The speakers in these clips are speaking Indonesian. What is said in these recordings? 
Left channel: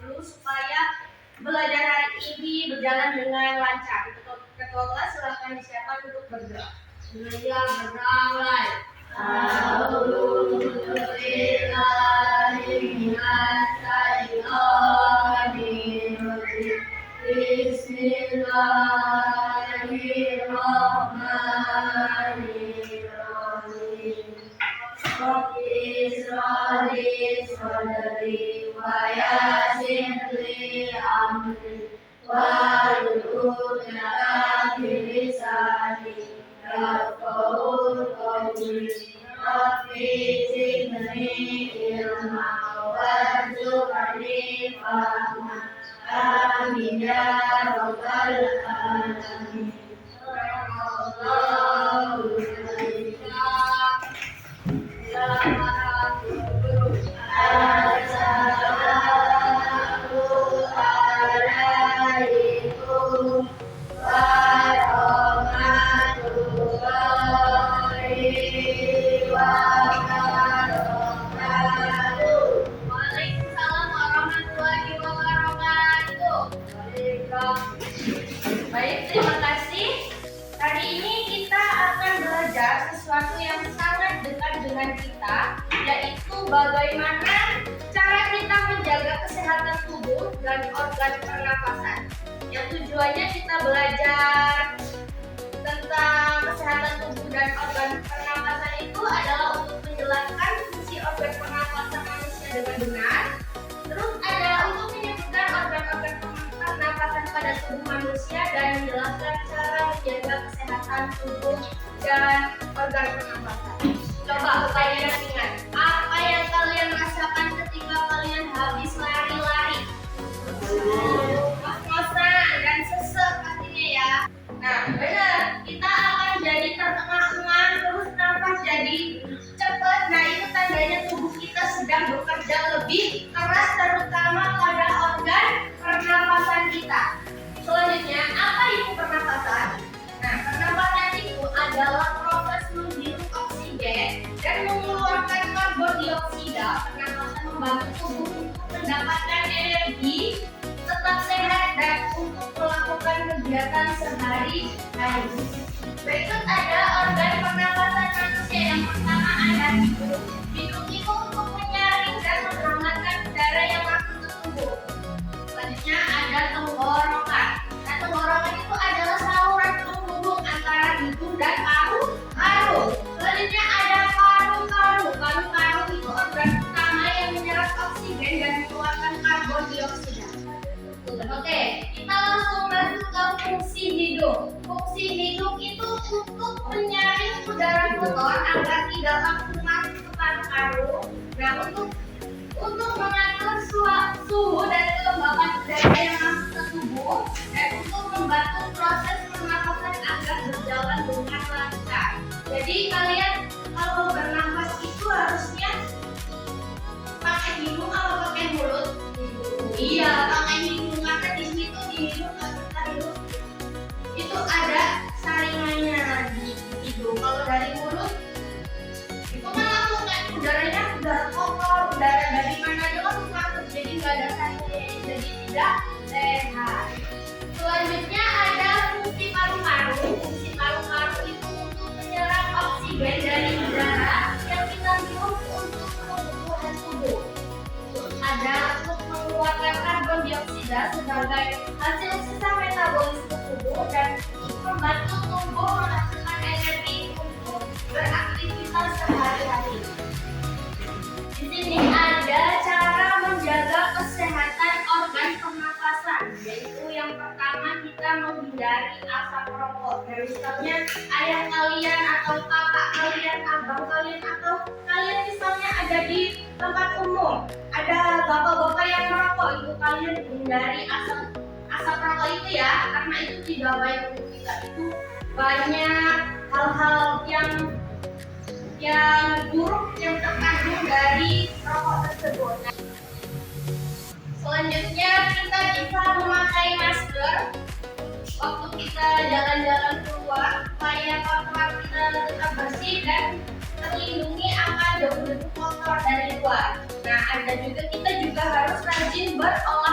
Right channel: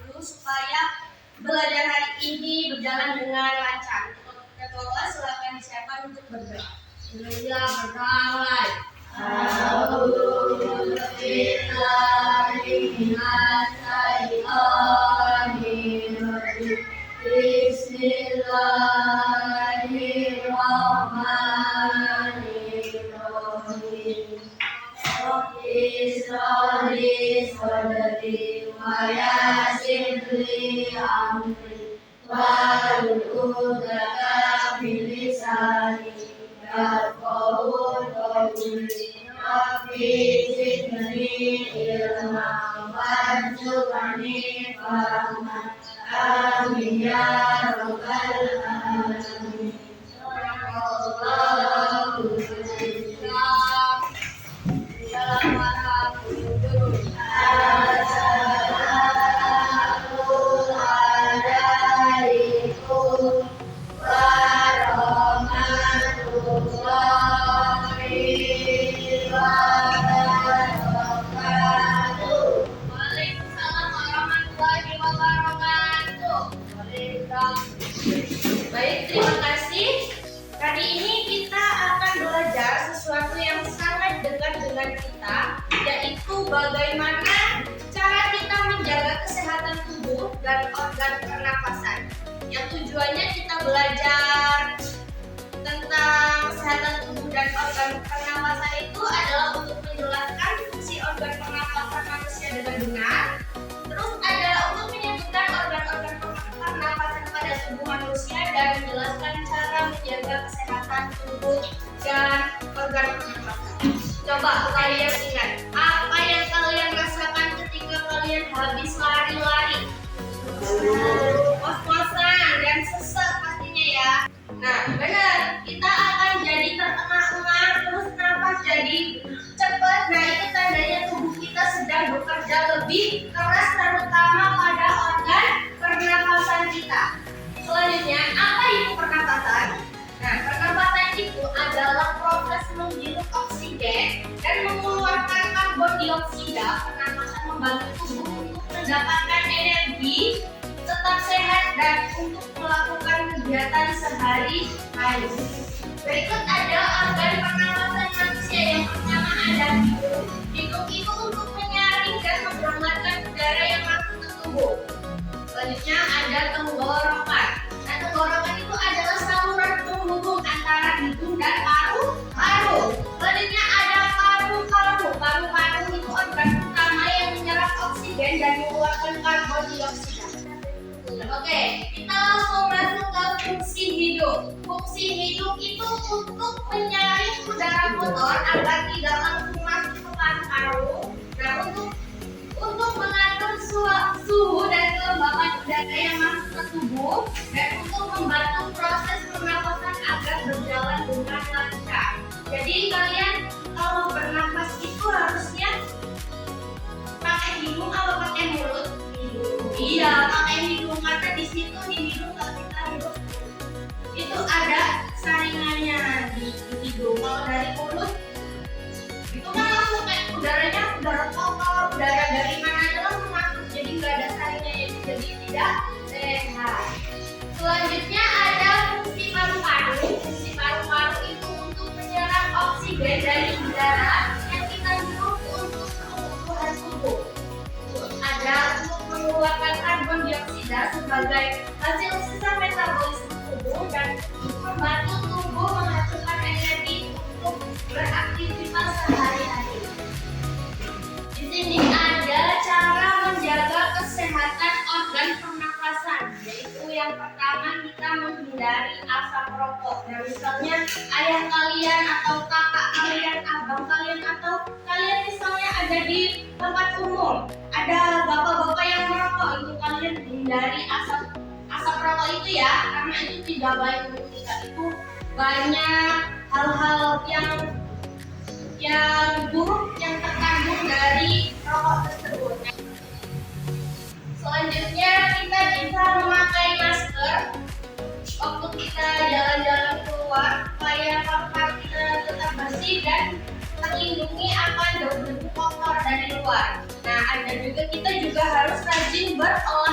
dulu supaya belajar hari ini berjalan dengan lancar. Ketua kelas silakan disiapkan untuk berdoa. Bismillah, berdaulat. Bismillahirrahmanirrahim. Rabbi isra'li sadri wa yassir li amri wahlul 'uqdatam min lisani yafqahu qawli. Rabbi zidni ilma warzuqni fahma. Amin ya rabbal alamin. Allahu Baik, terima kasih. Kali ini kita akan belajar sesuatu yang sangat dekat dengan kita, yaitu bagaimana cara kita menjaga kesehatan tubuh dan organ pernapasan. Yang tujuannya kita belajar tentang kesehatan tubuh dan organ pernapasan itu adalah untuk menjelaskan fungsi organ pernapasan manusia dengan benar. Terus adalah untuk menyebutkan organ-organ pernapasan pada tubuh manusia dan menjelaskan cara menjaga kesehatan tubuh dan organ pernapasan. Coba kalian ingat, apa yang kalian rasakan ketika kalian habis lari-lari? Ngos-ngosan dan sesek pastinya ya. Nah, benar, kita akan jadi terengah-engah, terus nafas jadi cepat. Nah, itu tandanya tubuh kita sedang bekerja lebih keras, terutama pada organ pernapasan kita. Selanjutnya, apa itu pernapasan? Nah, pernapasan itu adalah proses menghirup oksigen dan mengeluarkan karbon dioksida. Pernapasan membantu tubuh untuk mendapatkan energi, tetap sehat, dan untuk melakukan kegiatan sehari-hari. Berikut ada organ pernapasan manusia. Yang pertama ada hidung. Hidung itu untuk menyaring dan menghangatkan udara yang masuk ke tubuh. Selanjutnya ada tenggorokan. Nah, tenggorokan itu adalah saluran penghubung antara hidung dan paru-paru. Selanjutnya ada paru-paru. Paru-paru itu organ utama yang menyerap oksigen dan mengeluarkan karbon dioksida. Oke, kita langsung masuk ke fungsi hidung. Fungsi hidung itu untuk menyaring udara kotor agar tidak langsung masuk ke paru-paru. Nah, untuk mengatur suhu dan kelembapan udara yang masuk ke tubuh, dan untuk membantu proses pernapasan agar berjalan dengan lancar. Jadi kalian kalau bernafas itu harusnya pakai hidung atau pakai mulut? Iya, pakai hidung, karena di situ di hidung kita hidup itu ada saringannya di hidung. Kalau dari mulut itu kan langsung kayak udaranya udara kotor, udara dari mana aja langsung masuk, jadi nggak ada saringannya, jadi tidak sehat. Selanjutnya ada fungsi paru-paru. Fungsi paru-paru itu untuk menyerap oksigen dari udara yang kita hirup untuk kebutuhan tubuh. Ada untuk mengeluarkan karbon dioksida sebagai hasil sisa metabolisme tubuh dan membantu tubuh menghasilkan energi untuk beraktivitas sehari-hari. Di sini ada cara menjaga kesehatan organ pernapasan, yaitu yang pertama kita menghindari asap rokok. Nah, misalnya ayah kalian atau kakak kalian, abang kalian, atau kalian misalnya ada di tempat umum, ada bapak-bapak yang merokok, itu kalian hindari asap rokok itu ya, karena itu tidak baik untuk kita. Itu banyak hal-hal yang buruk yang terkandung dari rokok tersebut. Selanjutnya kita bisa memakai masker waktu kita jalan-jalan keluar supaya kamar kita tetap bersih dan terlindungi akan debu-debu kotor dari luar. Nah, ada juga kita juga harus rajin berolahraga.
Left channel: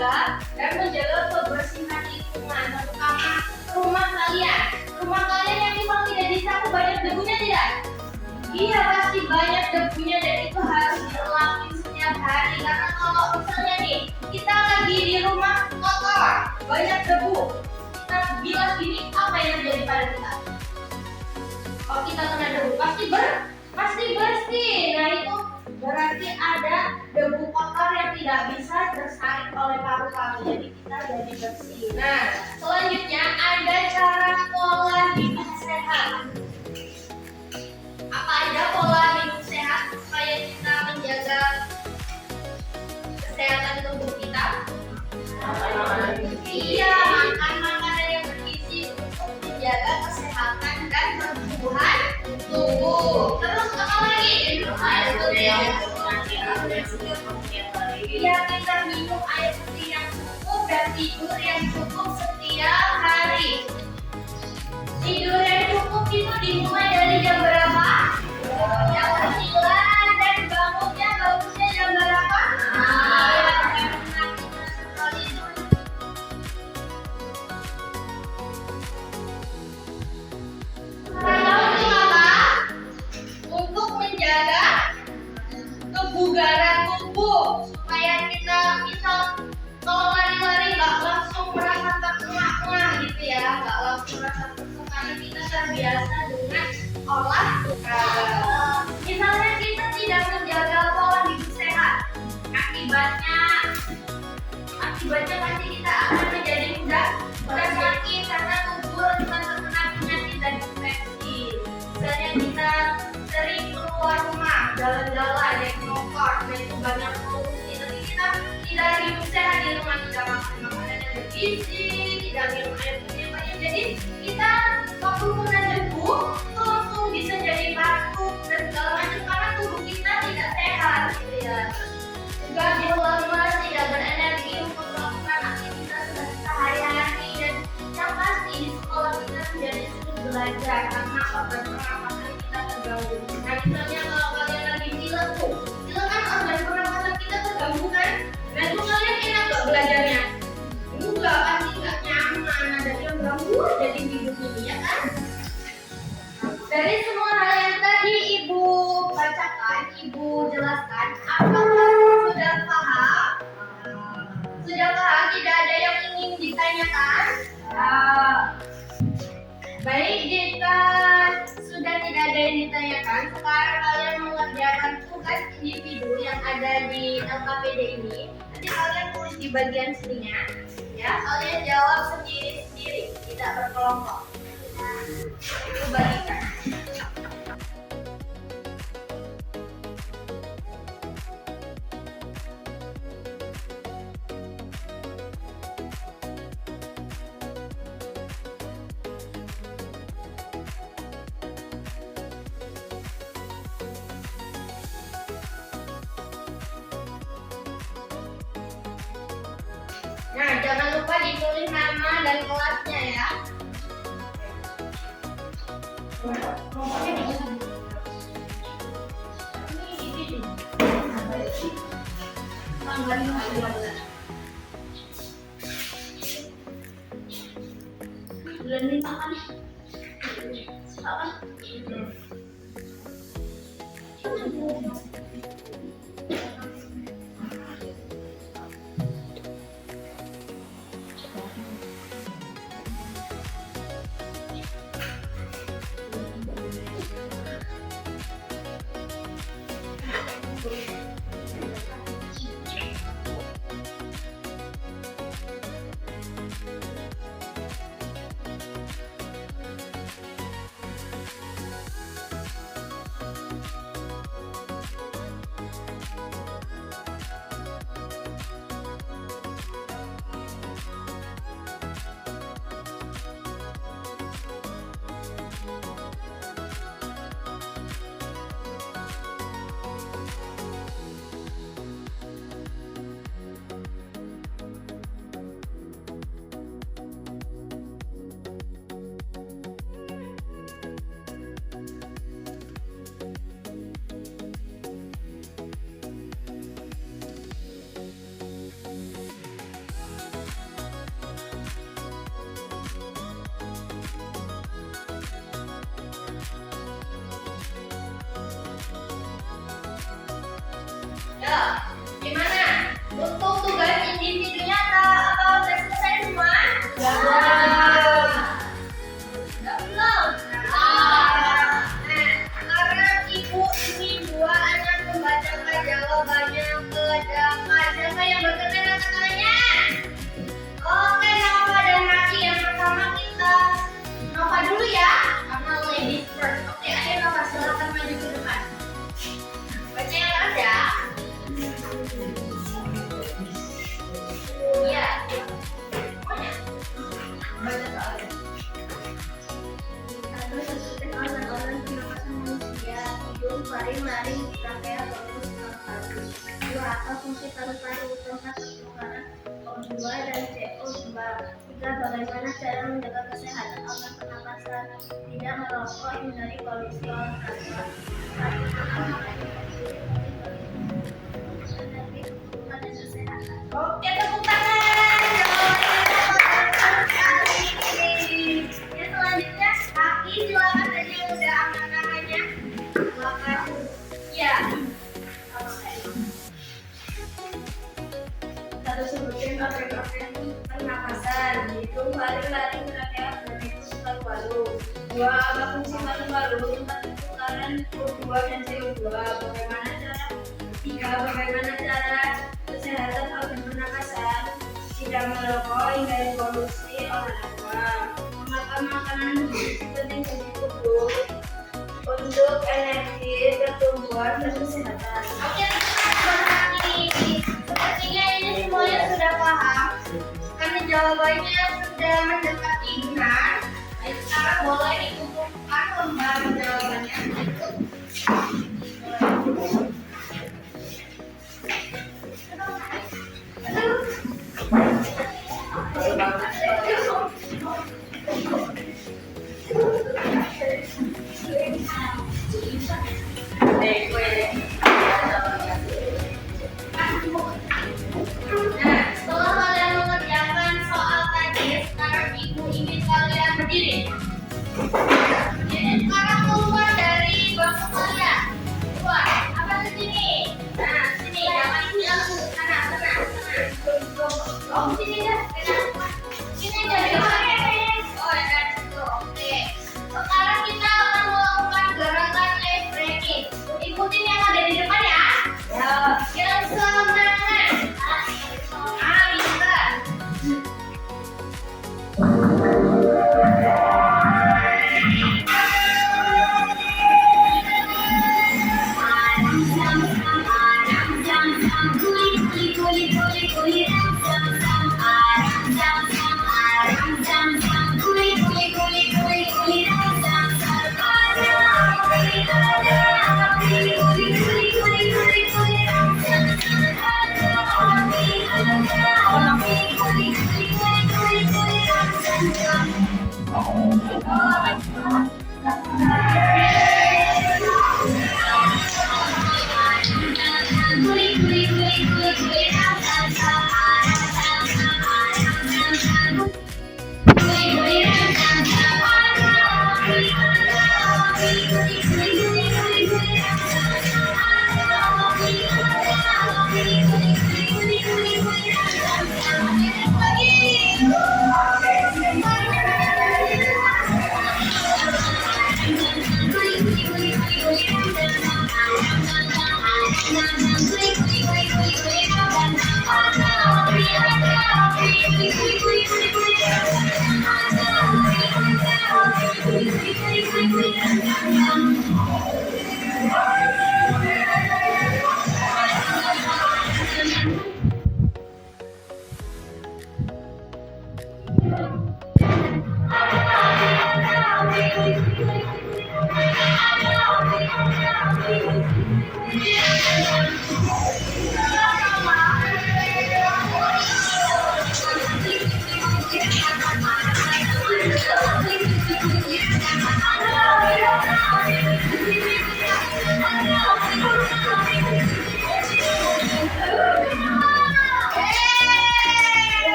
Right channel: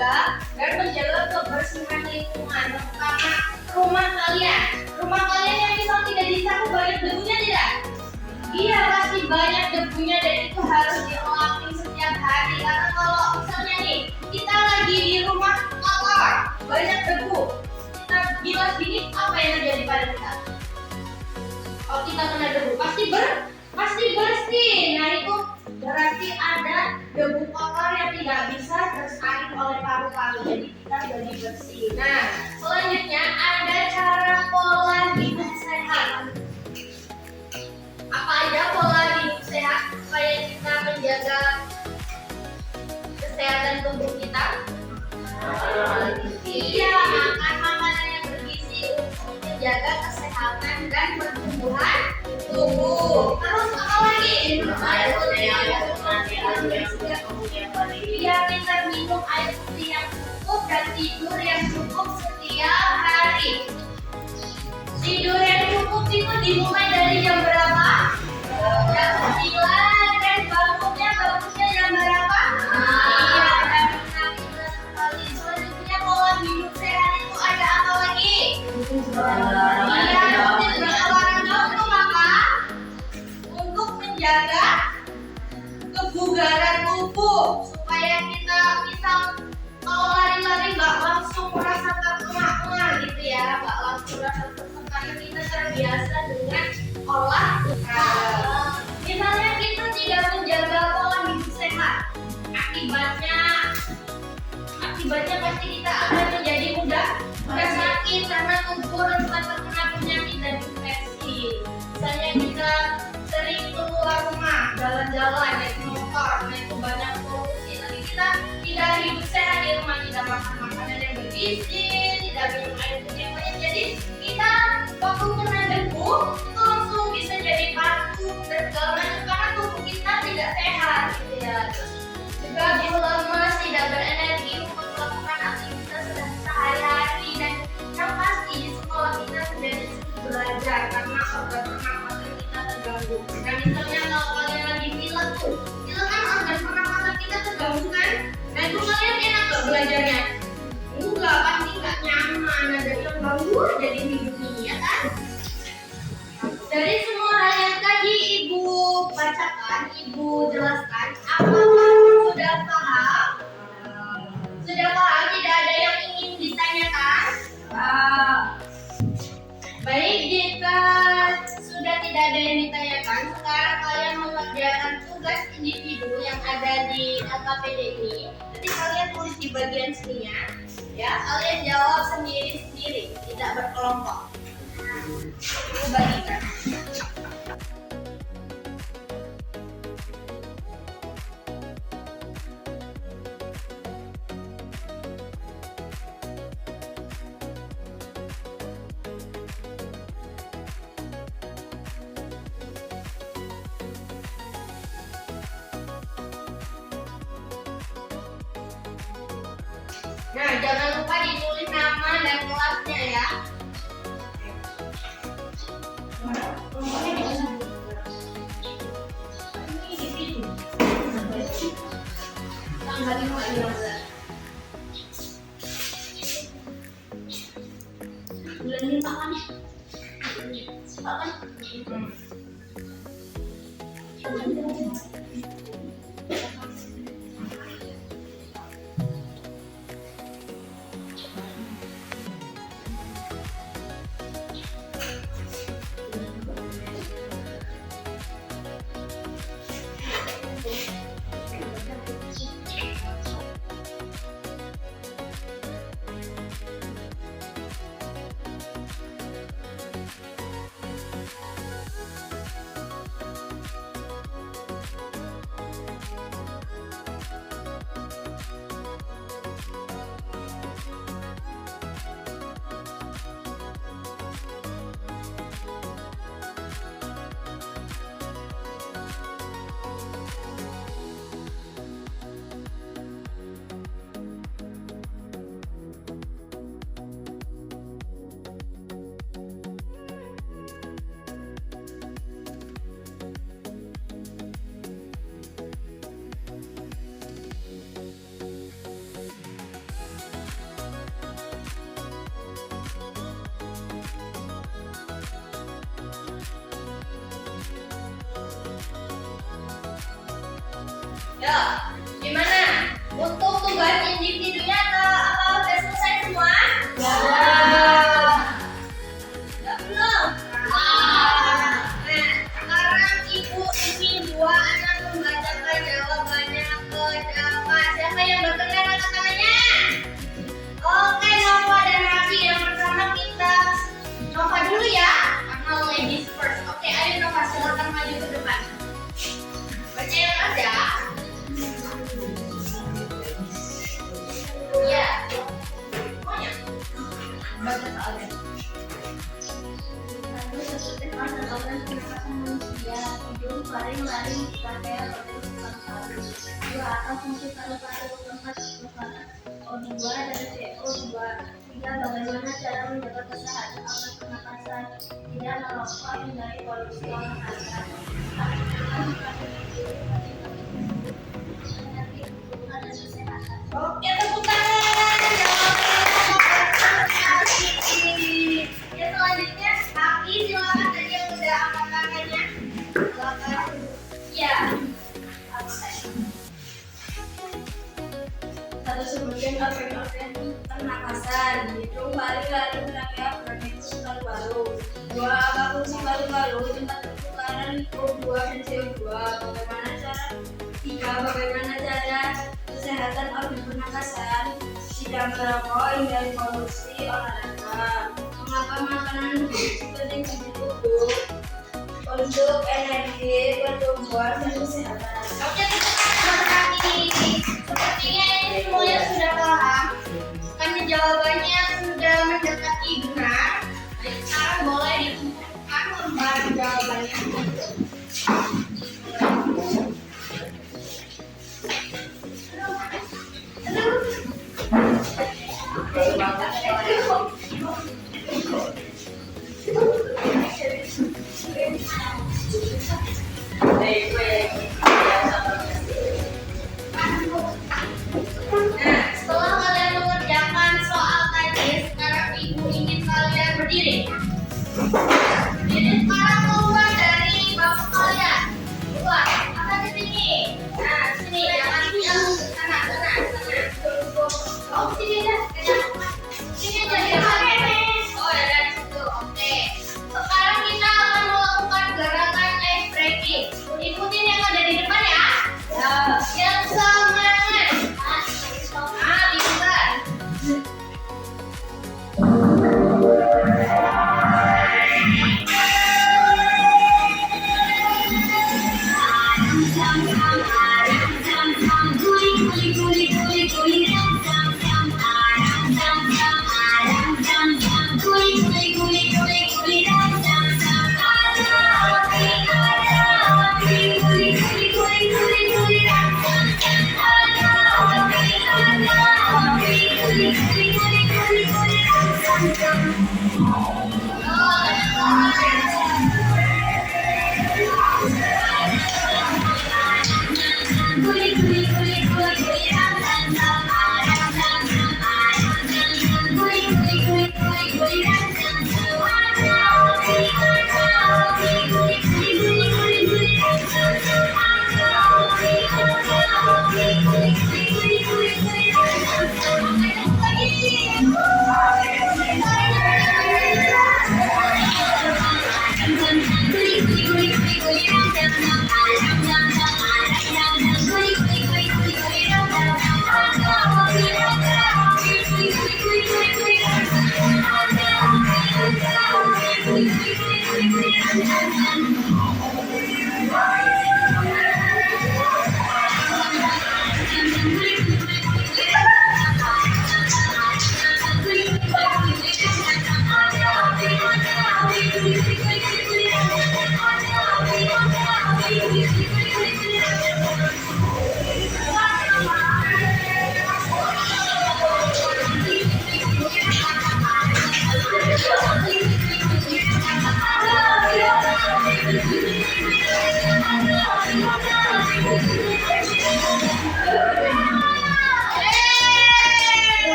menjaga dan menjaga kebersihan lingkungan, terutama rumah kalian. Rumah kalian yang misal tidak disapu banyak debunya tidak? Iya, pasti banyak debunya dan itu harus dilakukan setiap hari. Karena kalau misalnya nih kita lagi di rumah kotor, banyak debu, kita bilas gini, apa yang terjadi pada kita? Kalau kita kena debu pasti bersih. Nah itu berarti ada debu kotor yang tidak bisa tersaring oleh paru-paru, jadi kita jadi bersih. Nah selanjutnya ada cara pola hidup sehat. Apa aja pola hidup sehat supaya kita menjaga kesehatan tubuh kita? Iya, makan makanan yang bergizi untuk menjaga kesehatan dan pertumbuhan tubuh. Terus apa lagi? Iya, kita minum air putih yang cukup dan tidur yang cukup setiap hari. Tidur yang cukup itu dimulai dari jam berapa? Jam 9 dan bangunnya jam berapa? Iya, jam 6 sekali. Selanjutnya pola hidup sehat itu ada apa lagi? Iya, berolahraga untuk apa? Untuk menjaga kebugaran tubuh supaya kita misal kalau lari-lari nggak langsung merasa terengah-engah gitu ya, nggak langsung merasa tertekan. Kita terbiasa dengan olahraga. Misalnya kita tidak menjaga pola hidup sehat, akibatnya pasti kita akan menjadi mudah sakit karena tubuh rentan terkena penyakit dan infeksi. Misalnya kita sering keluar rumah, jalan-jalan, naik motor, nah itu banyak polusi. Nanti kita tidak hidup sehat di rumah, tidak makan makanan yang bergizi, tidak minum air putih yang banyak. Jadi kita waktu kena debu itu langsung bisa jadi batuk dan segala macam karena tubuh kita tidak sehat gitu ya. Juga bisa lemas, tidak berenergi untuk melakukan aktivitas sehari-hari, dan yang pasti di sekolah kita menjadi sulit belajar karena organ pernapasan kita terganggu. Nah misalnya kalau kalian lagi pilek tuh, pilek kan organ pernapasan kita terganggu kan? Nah itu kalian enak gak belajarnya? Enggak, pasti gak nyaman, ada yang ganggu jadi hidup ini ya kan? Dari semua hal yang tadi ibu bacakan, ibu jelaskan, apakah sudah paham? Sudah paham? Tidak ada yang ingin ditanyakan? Baik, jika sudah tidak ada yang ditanyakan, sekarang kalian mengerjakan tugas individu yang ada di LKPD ini. Nanti kalian tulis di bagian sininya, ya. Kalian jawab sendiri-sendiri, tidak berkelompok. Ibu bagikan. Nah, jangan lupa ditulis nama dan kelasnya ya. Nomornya di mana? Ini di situ. Tanggal 15. Bulan 5 kan? Ketiga, bagaimana cara menjaga kesehatan organ pernapasan, tidak merokok, hindari polusi olahraga. Laksanakan makan dengan gizi penting bagi tubuh, energi, kebutuhan, dan kesehatan. Oke, tepuk tangan. Jawabannya sekali. Ya, selanjutnya Aki, silakan tadi yang udah angkat tangannya. Silakan. Ya. Apa tadi? Satu, sebagian organ-organ pernapasan, yaitu lari-lari, bernafas, bernafas paru-paru. Dua, apa fungsi paru-paru, tempat pertukaran O2 dan CO2. Bagaimana cara? Tiga, bagaimana cara kesehatan organ pernapasan, tidak merokok, hindari polusi, olahraga. Mengapa makanan bergizi penting bagi tubuh? Untuk energi, pertumbuhan, dan kesehatan. Oke, Aki. Sepertinya ini semuanya sudah paham. Karena jawabannya sudah mendekati benar. Jadi sekarang boleh dikumpulkan lembar jawabannya. Nah, setelah kalian mengerjakan soal tadi, sekarang ibu ingin kalian berdiri. Jadi sekarang keluar dari bangku kalian. Keluar. Apa di sini? Nah, sini. Jangan bilang sana. Oh, sini aja. Sini aja. Oh, ya dari situ. Oke. Sekarang kita akan melakukan gerakan ice breaking. Ikutin yang ada di depan ya. Ya. Yang semangat. Bisa.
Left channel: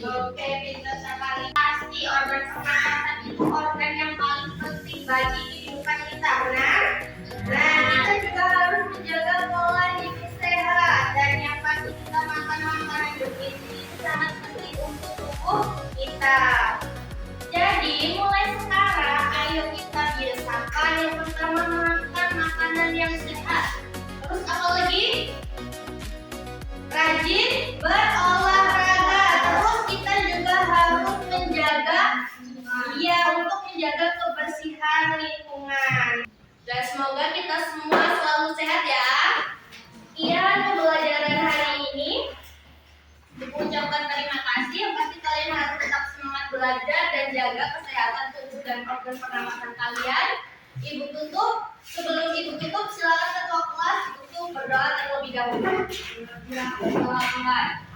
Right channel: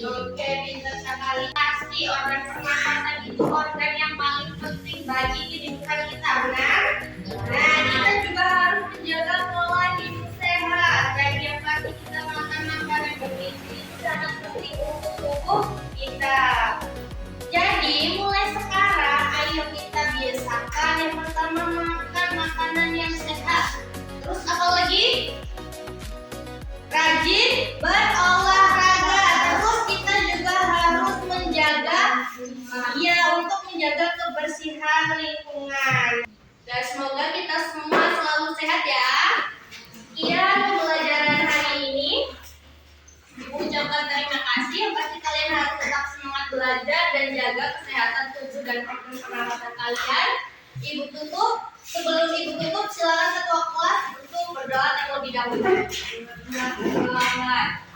Oke, pintar sekali. Pasti organ pernapasan itu organ yang paling penting bagi kehidupan kita, benar? Nah, kita juga harus menjaga pola hidup sehat dan yang pasti kita makan makanan bergizi itu sangat penting untuk tubuh kita. Jadi mulai sekarang ayo kita biasakan yang pertama makan makanan yang sehat. Terus apa lagi? Rajin berolahraga. Terus kita juga harus mengucapkan terima kasih. Yang pasti kalian harus tetap semangat belajar dan jaga kesehatan tubuh dan organ pernapasan kalian. Ibu tutup. Sebelum ibu tutup, silakan ketua kelas untuk berdoa terlebih dahulu. Selamat.